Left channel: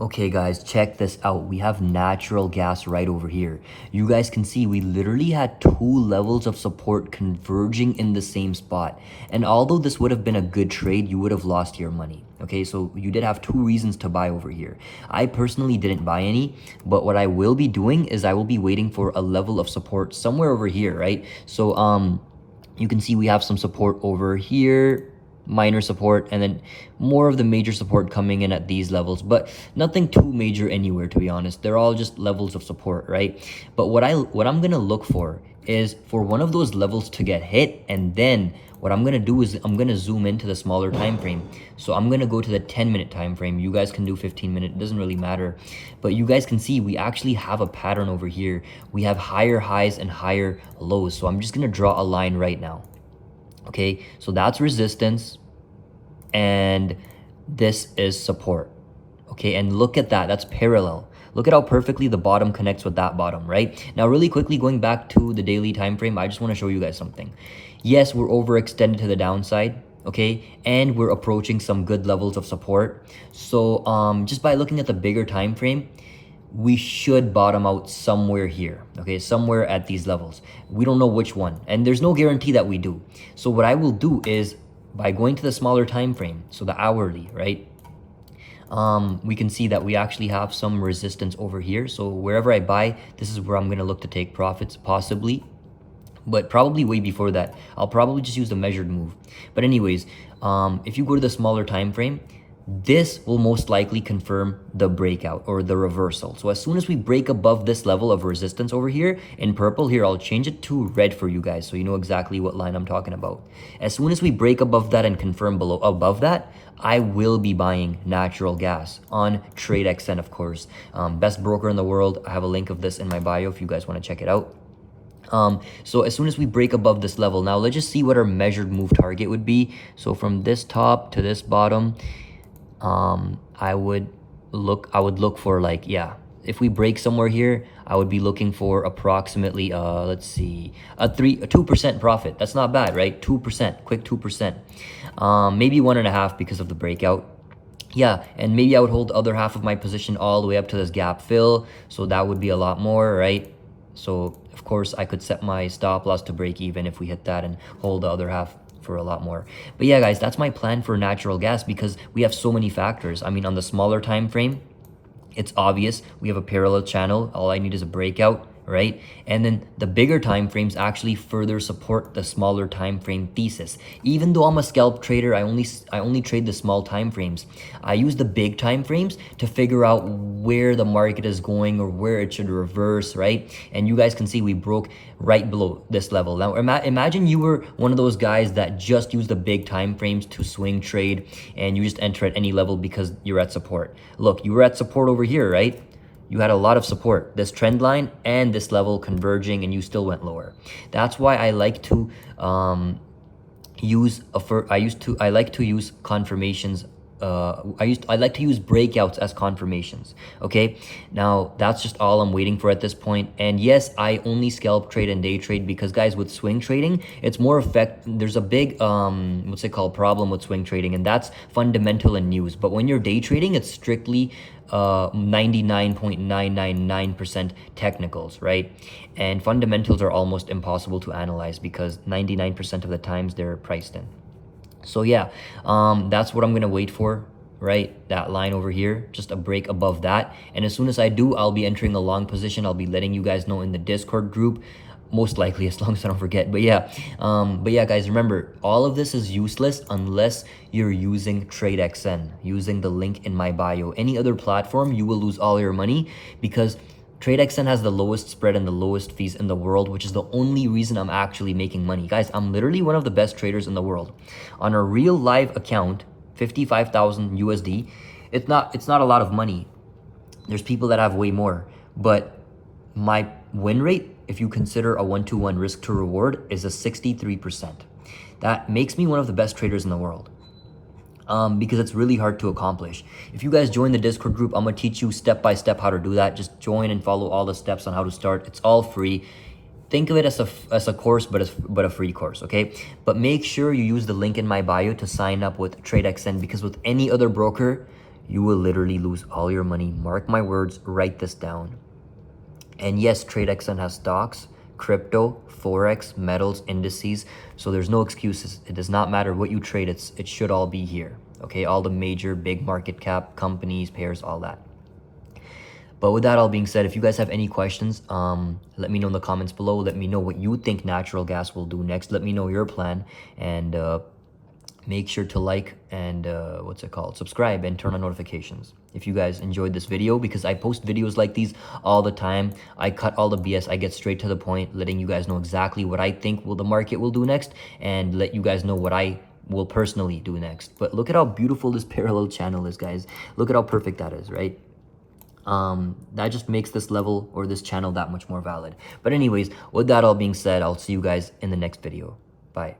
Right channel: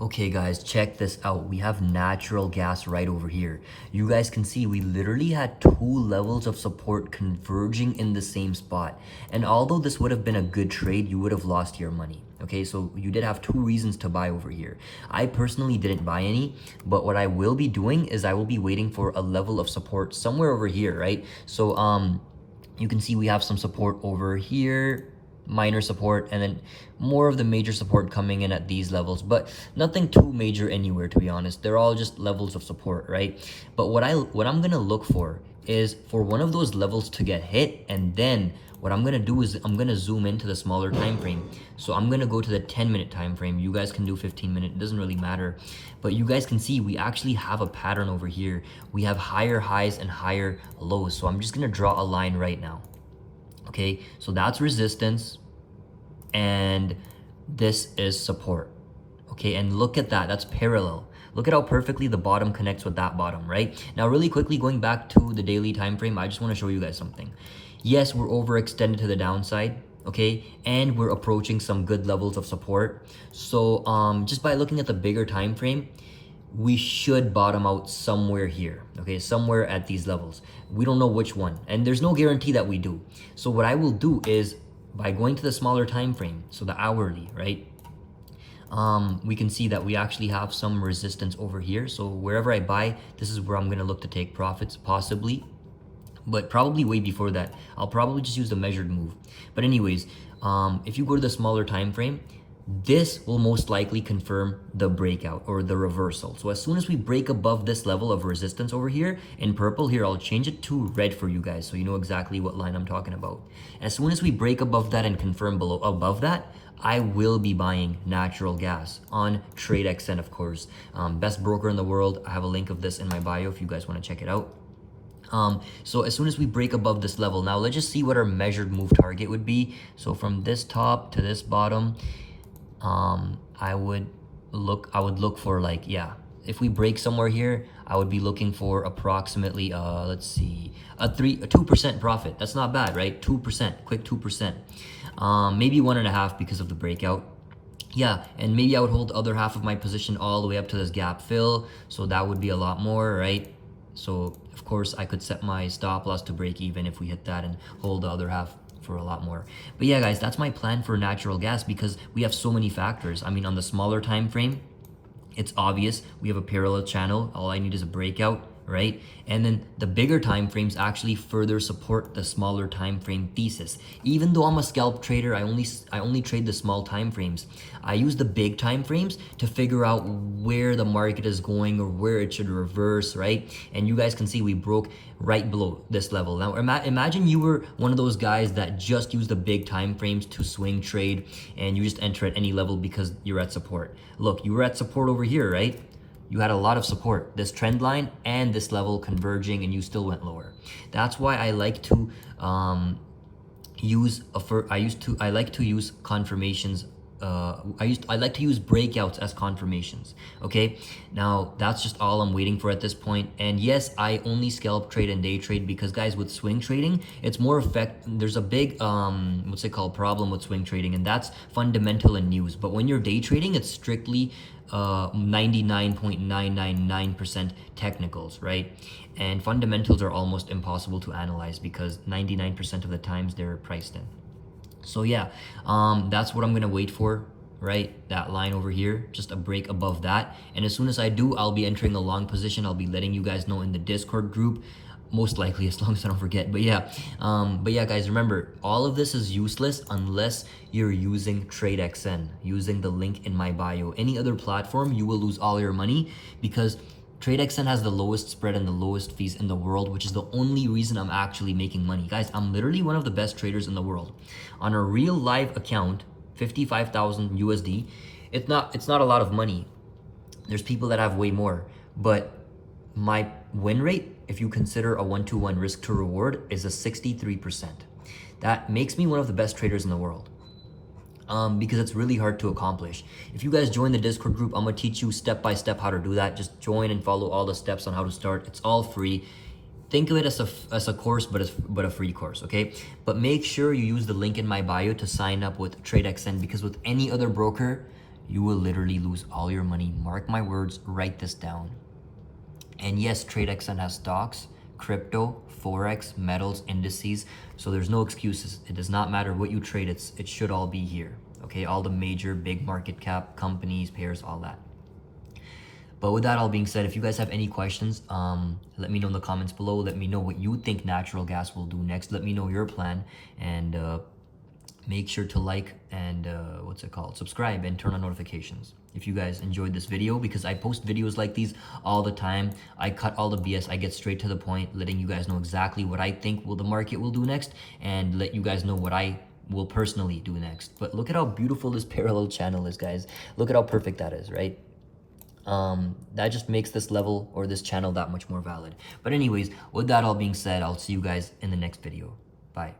Okay guys, check this out. We have natural gas right over here. You guys can see we literally had two levels of support converging in the same spot. And although this would have been a good trade, you would have lost your money. Okay, so you did have two reasons to buy over here. I personally didn't buy any, but what I will be doing is I will be waiting for a level of support somewhere over here, right? So you can see we have some support over here, minor support, and then more of the major support coming in at these levels, but nothing too major anywhere, to be honest. They're all just levels of support, right? But what I'm gonna look for is for one of those levels to get hit, and then what I'm gonna do is I'm gonna zoom into the smaller time frame. So I'm gonna go to the 10-minute time frame. You guys can do 15-minute, it doesn't really matter. But you guys can see we actually have a pattern over here. We have higher highs and higher lows. So I'm just gonna draw a line right now. Okay, so that's resistance and this is support. Okay, and look at that, that's parallel. Look at how perfectly the bottom connects with that bottom, right? Now, really quickly, going back to the daily time frame, I just want to show you guys something. Yes, we're overextended to the downside, okay, and we're approaching some good levels of support. So just by looking at the bigger time frame, we should bottom out somewhere here, okay, somewhere at these levels. We don't know which one, and there's no guarantee that we do. So what I will do is by going to the smaller time frame, so the hourly, right, we can see that we actually have some resistance over here. So wherever I buy, this is where I'm going to look to take profits, possibly, but probably way before that. I'll probably just use the measured move. But anyways, if you go to the smaller time frame, this will most likely confirm the breakout or the reversal. So as soon as we break above this level of resistance over here in purple, here I'll change it to red for you guys so you know exactly what line I'm talking about. As soon as we break above that and confirm above that, I will be buying natural gas on TradeXn, of course. Best broker in the world. I have a link of this in my bio if you guys want to check it out. So as soon as we break above this level, now let's just see what our measured move target would be. So from this top to this bottom, I would look for, like, yeah, if we break somewhere here, I would be looking for approximately let's see, a 2% profit. That's not bad, right? 2%, quick 2%. Maybe 1.5 because of the breakout. Yeah, and maybe I would hold the other half of my position all the way up to this gap fill, so that would be a lot more, right? So of course I could set my stop loss to break even if we hit that and hold the other half for a lot more. But yeah guys, that's my plan for natural gas because we have so many factors. I mean, on the smaller time frame, it's obvious we have a parallel channel. All I need is a breakout, right? And then the bigger time frames actually further support the smaller time frame thesis. Even though I'm a scalp trader, I only trade the small time frames. I use the big time frames to figure out where the market is going or where it should reverse, right? And you guys can see we broke right below this level. Now imagine you were one of those guys that just use the big time frames to swing trade and you just enter at any level because you're at support. Look, you were at support over here, right? You had a lot of support, this trend line and this level converging, and you still went lower. That's why I like to I like to use confirmations. I like to use breakouts as confirmations. Okay, now that's just all I'm waiting for at this point. And yes, I only scalp trade and day trade because guys, with swing trading, it's more there's a big what's it called, problem with swing trading, and that's fundamental and news. But when you're day trading, it's strictly 99.999% technicals, right? And fundamentals are almost impossible to analyze because 99% of the times they're priced in. So yeah, that's what I'm gonna wait for, right? That line over here, just a break above that. And as soon as I do, I'll be entering a long position. I'll be letting you guys know in the Discord group, most likely, as long as I don't forget. But yeah guys, remember, all of this is useless unless you're using TradeXn, using the link in my bio. Any other platform, you will lose all your money because TradeXn has the lowest spread and the lowest fees in the world, which is the only reason I'm actually making money. Guys, I'm literally one of the best traders in the world. On a real live account, 55,000 USD, it's not a lot of money. There's people that have way more, but my win rate, if you consider a 1-to-1 risk to reward, is a 63%. That makes me one of the best traders in the world. Because it's really hard to accomplish. If you guys join the Discord group, I'm gonna teach you step by step how to do that. Just join and follow all the steps on how to start. It's all free. Think of it as a course, but a free course, okay? But make sure you use the link in my bio to sign up with TradeXn, because with any other broker, you will literally lose all your money. Mark my words, write this down. And yes, TradeXn has stocks, crypto, forex, metals, indices. So there's no excuses. It does not matter what you trade. It should all be here. Okay, all the major big market cap companies, pairs, all that. But with that all being said, if you guys have any questions, let me know in the comments below. Let me know what you think natural gas will do next. Let me know your plan, and make sure to like and subscribe and turn on notifications if you guys enjoyed this video, because I post videos like these all the time. I cut all the BS. I get straight to the point, letting you guys know exactly what I think the market will do next, and let you guys know what I will personally do next. But look at how beautiful this parallel channel is, guys. Look at how perfect that is, right? That just makes this level or this channel that much more valid. But anyways, with that all being said, I'll see you guys in the next video. Bye.